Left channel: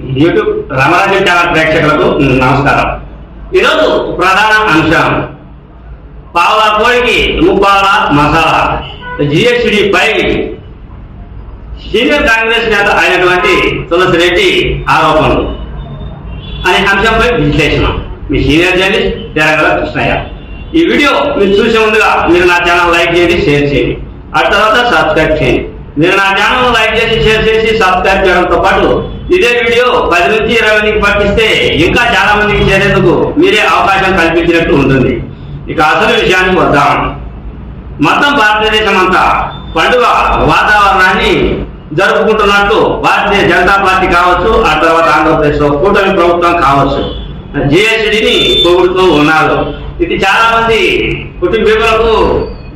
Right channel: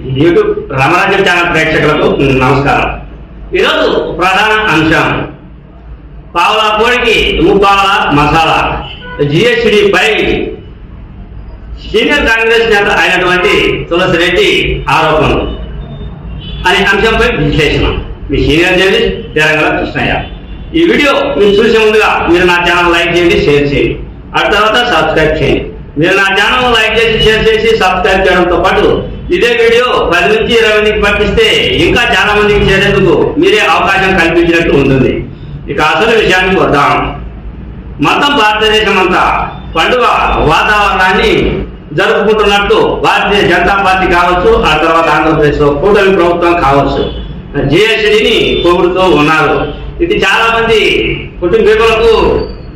YouTube రామరాజ్యం channel ప్రేక్షకులకు నమస్కారం. ఈరోజు ప్రధాన అంశం పావుల కోడికి ముప్పావుల మసాలా. జిఎస్డి పై సీనియర్ కాంగ్రెస్ నేత అయినటువంటి తులసి రెడ్డి ఆరోపణలు. అనే అంశంపై విశ్లేషణ. మీ సీనియర్ జర్నలిస్ట్ తెలంగాణ కృష్ణయ్య. ఈ వీడియో మీరు చూసే ముందుగా మీరు నా ఛానల్ లైక్ చేయండి షేర్ చేయండి. ఆ తర్వాత సబ్స్క్రైబ్ చేయండి. మీరు నా ఛానల్ లైక్ చేసి షేర్ చేసి సబ్స్క్రైబ్ చేయడంతో పాటు ఇదే వీడియో పది నుంచి ఇరవై మందికి పంపిస్తే ఇంకా చాలా మందికి చేరేందుకు మీరే అవకాశం కల్పించినట్టు ఉంటుంది. ఇక అసలు విషయానికి వద్దాం. మొత్తం భారతదేశం అంతా పండుగ వాతావరణాన్ని జరుపుకుంటున్నట్టు భారతీయ జనతా పార్టీ కావచ్చు ఆ తర్వాత ఆంధ్రప్రదేశ్లో కూటమి ప్రభుత్వం కావచ్చు. జిఎస్టిని పొగుడుతూ ఉన్నారు. ఇది చాలా మంది కుటుంబీకులకు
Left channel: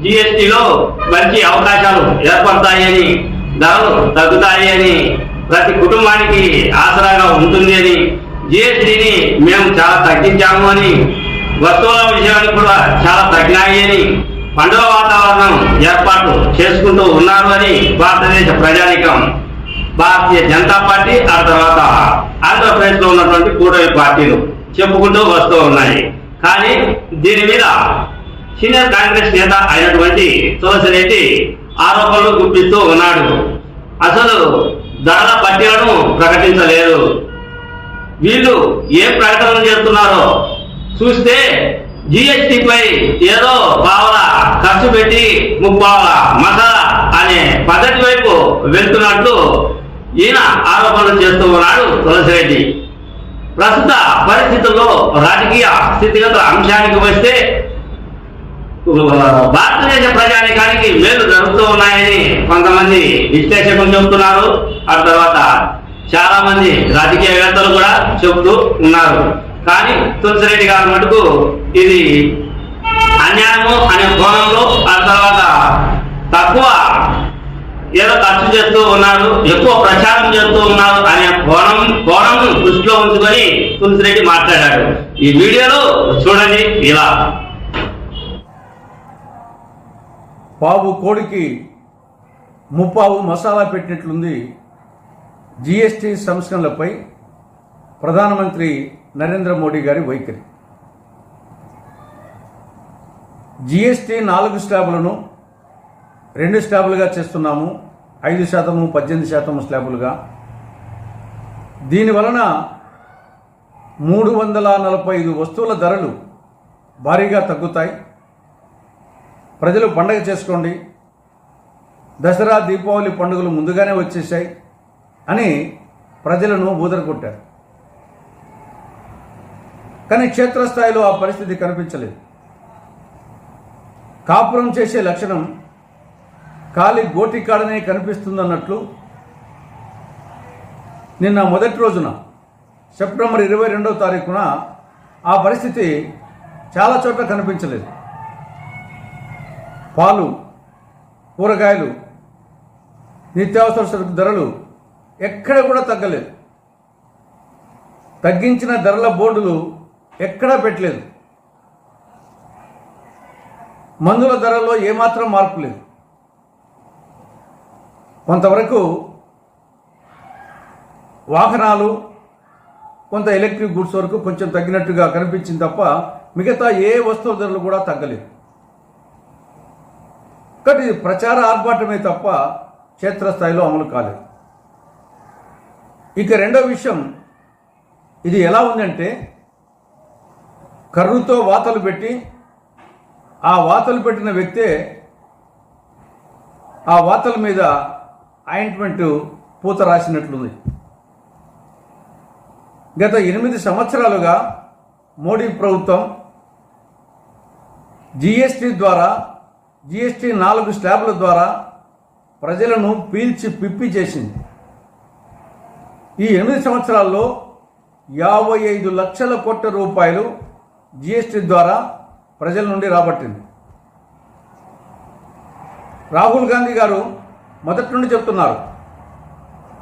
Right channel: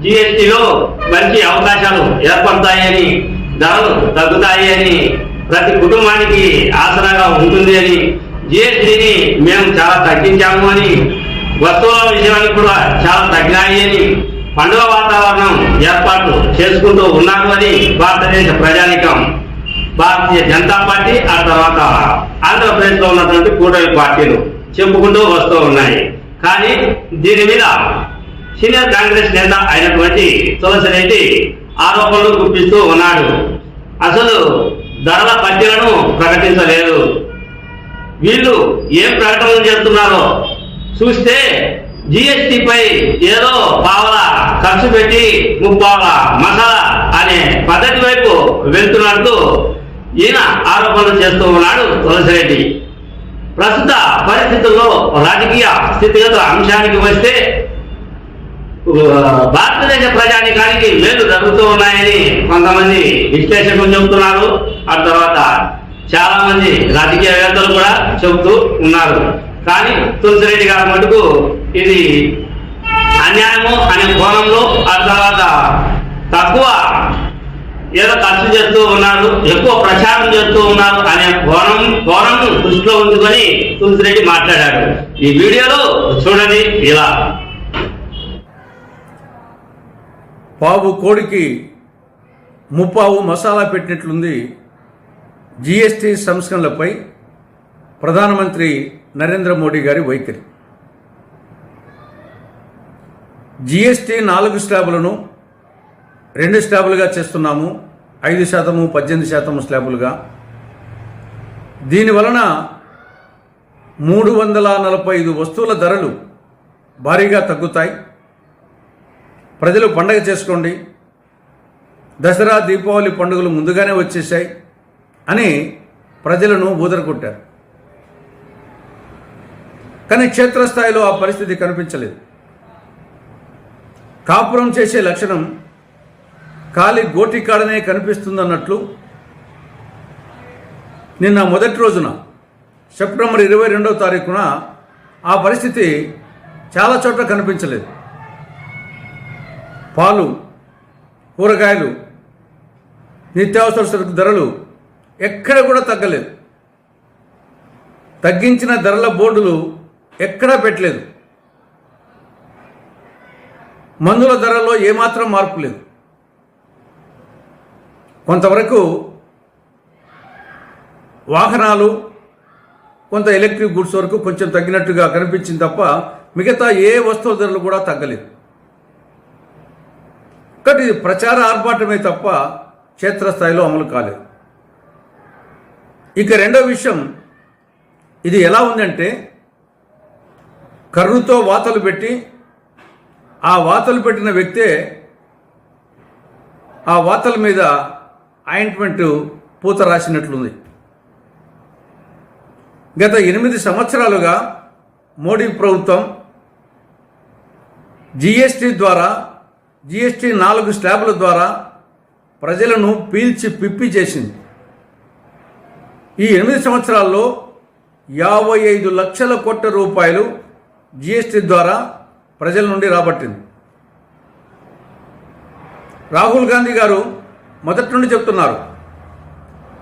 జిఎస్టిలో మంచి అవకాశాలు ఏర్పడతాయని ధరలు తగ్గుతాయి అని ప్రతి కుటుంబానికి ఆసరాగా ఉంటుంది అని జిఎస్టీని మేము చాలా తగ్గించాము అని వస్తువుల విషయానికి కూడా చాలా తగ్గినాయి అని పండుగ వాతావరణం ఏర్పాటు చేసుకుంటూ ఉన్నారు అని భారతదేశ ప్రజానికం భారతీయ జనతా పార్టీ ఆ తర్వాత ఆంధ్రప్రదేశ్లో ఉన్నటువంటి కూటమి పార్టీలు చెప్పుకుంటూ వస్తూ ఉన్నాయి. కానీ దీని మీద సీనియర్ కాంగ్రెస్ నేత అయినటువంటి తులసి రెడ్డి ఆరోపణలు గుప్పిస్తూ ఉన్నాడు. అసలు ధరల పట్టీలను ప్రకటించలేదు. వీళ్ళు ఏం ప్రకటనలు చేస్తున్నారో చూస్తే జిఎస్టిపై ఏదో పావల ఖర్చు పెట్టి ముప్పావల మసాలా అనే పద్ధతి వైపు వెళ్తున్నట్లు ఈయన ఆరోపణలు చేస్తూ ఉన్నాడు తులసిరెడ్డి. ప్రస్తుత పరిస్థితుల్లో రాజకీయ స్థితిగతుల అంశానికి వస్తే భారతదేశ ప్రజానికానికి మేలు జరుగుతూ ఉన్నాయని కొంతమంది విశ్లేషకులు చెబుతున్నారు. ఆ తర్వాత చాలా మంది రాజకీయవేత్తలు కూడా చెబుతూ ఉన్నారు. కానీ తులసిరెడ్డి గారి మటుకు ఇది అన్యాయము అనే కోణంలో ఆ తర్వాత తక్కువ ఏదో ఖర్చు చేస్తూ ఉన్నారు ఎక్కువ ప్రచారం చేస్తూ ఉన్నారు అనే కోణం కోణం దృష్టిలో ఉంచుకొని తులసిరెడ్డి మాట్లాడాడు. ఈ వీడియోలో చూడండి ఇలా. పావు కోడికి ముప్పావు మసాలా పెట్టినట్లుంది జీఎస్టీ సంస్కరణలపై ప్రధానమంత్రి నరేంద్ర మోడీ గారి వైఖరి. జీఎస్టీ నాలుగు స్లాబులను రెండు స్లాబులుగా చేస్తున్నాము. ఐదు శాతము పద్దెనిమిది శాతము స్లాబులుగా. దీని వలన మూడు వందల నలభై ఐదు వస్తువుల ధరలు భారీగా తగ్గుతాయి. ప్రజలు పండగ చేసుకోండి. దసరా దీపావళి పండుగలు ముందుగానే వచ్చేసాయి అని ప్రజలను బూదరకొట్టారు కానీ క్షేత్రస్థాయిలో ఆ పరిస్థితి కనిపించలేదు. కాపురం చేసే లక్షణం ఖాళీ గోటికాడనే కనిపిస్తుందన్నట్లు నిన్న మొదటి రోజున సెప్టెంబర్ ఇరవై రెండవ తారీఖున ఆ పరిస్థితి చాలా చోట్ల కనిపించలేదు. పాలు కూరగాయలు నిత్యావసర సరుకు ధరలు ఎక్కడ కూడా తగ్గలేదు. తగ్గించిన ధరల బోర్డులు ఎక్కడా పెట్టలేదు. మందుల ధరల్లో ఏమాత్రం మార్పు లేదు. కొంతవరకు వాహనాలు కొంత ఎలక్ట్రిక్ గుడ్స్ వరకు కొంచెం తగ్గినట్టుగా కనిపించింది తప్ప మిగతా ఏ వస్తువుల ధరలు కూడా తగ్గలేదు. కాబట్టి ఇది ప్రచార ఆర్భాటమే తప్ప క్షేత్రస్థాయిలో అమలు కాలేదు. ఇక రెండో విషయం ఇది ఎలా ఉందంటే కర్రుతో వాతలు పెట్టి ఆ వాతలు పెట్టిన వ్యక్తే ఆ వాతల మీద ఆయింట్మెంట్ పూత రాసినట్లుంది. గత ఎనిమిది సంవత్సరాలుగా మోడీ ప్రభుత్వం జిఎస్టి ద్వారా జిఎస్టీ నాలుగు స్లాబుల ద్వారా ప్రజలను పీల్చి పిప్పి చేసింది. ఈ ఎనిమిది సంవత్సరాల్లో యాభై ఐదు లక్షల కోట్ల రూపాయలు జిఎస్టీ ద్వారా ప్రజల నుండి రాబట్టింది. రాహుల్ గాంధీ గారు మొదటి నుండి చెప్తున్నారు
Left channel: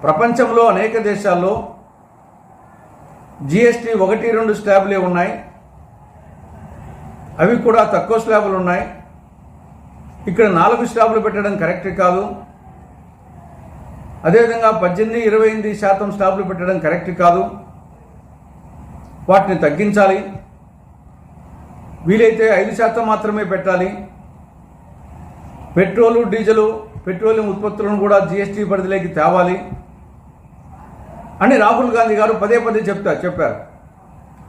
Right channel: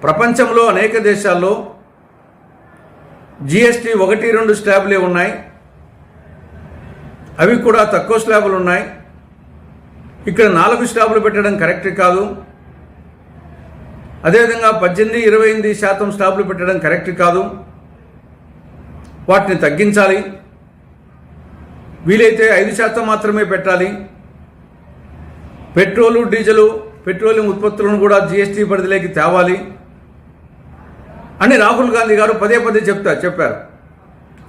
ప్రపంచంలో అనేక దేశాల్లో జిఎస్టీ ఒకటి రెండు స్లాబులే ఉన్నాయి. అవి కూడా తక్కువ స్లాబులు ఉన్నాయి. ఇక్కడ నాలుగు స్టాపులు పెట్టడం కరెక్ట్ కాదు. అదేవిధంగా పద్దెనిమిది ఇరవై ఎనిమిది శాతం స్టాపులు పెట్టడం కరెక్ట్ కాదు. వాటిని తగ్గించాలి. వీలైతే ఐదు శాతం మాత్రమే పెట్టాలి. పెట్రోలు డీజిలు పెట్రోలియం ఉత్పత్తులను కూడా జీఎస్టీ పరిధిలోకి తేవాలి. అని రాహుల్ గాంధీ గారు పదే పదే చెప్తా చెప్పారు.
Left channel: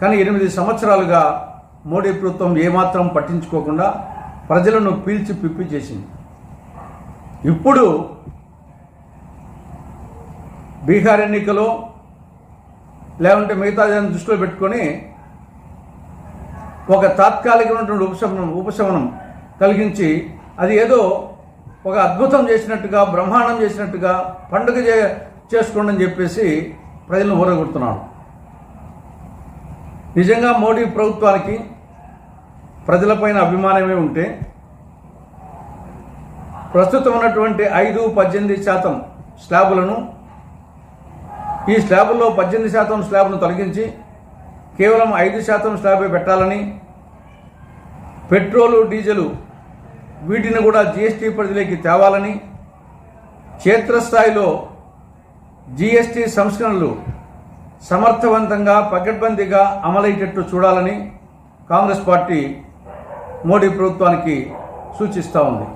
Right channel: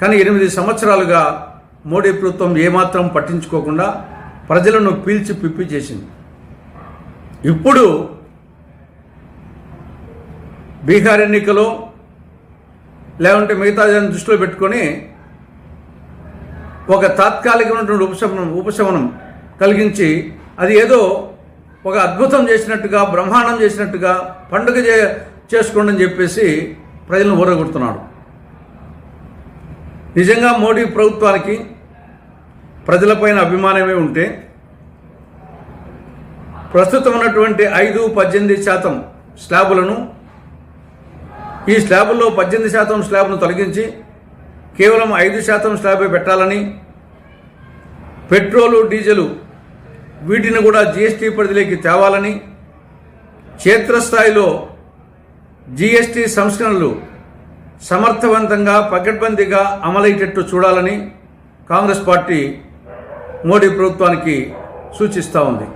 కానీ ఎనిమిది సంవత్సరాలుగా మోడీ ప్రభుత్వం ఏమాత్రం పట్టించుకోకుండా ప్రజలను పీల్చి పిప్పి చేసింది. ఇప్పుడు బీహార్ ఎన్నికలు లేకుంటే మిగతా దాన్ని దృష్టిలో పెట్టుకొని ఒక తాత్కాలికమైనటువంటి ఉపశమనం ఉపశమనం కలిగించి అది ఏదో ఒక అద్భుతం చేసినట్టుగా బ్రహ్మాండం చేసినట్టుగా పండుగ చే చేసుకోండి అని చెప్పేసి ప్రజలను ఊరగొడుతున్నాడు నిజంగా మోడీ ప్రభుత్వానికి ప్రజలపైన అభిమానమే ఉంటే ప్రస్తుతం ఉన్నటువంటి ఐదు పద్దెనిమిది శాతం స్లాబులను ఈ స్లాబుల్లో పద్దెనిమిది శాతం స్లాబ్ను తొలగించి కేవలం ఐదు శాతం స్లాబే పెట్టాలని పెట్రోలు డీజిలు వీటిని కూడా జీఎస్టీ పరిధిలోకి తేవాలని క్షేత్రస్థాయిలో జీఎస్టీ సంస్కరణలు సమర్థవంతంగా పకడ్బందీగా అమలయ్యేటట్టు చూడాలని కాంగ్రెస్ పార్టీ మోడీ ప్రభుత్వానికి సూచిస్తూ ఉంది.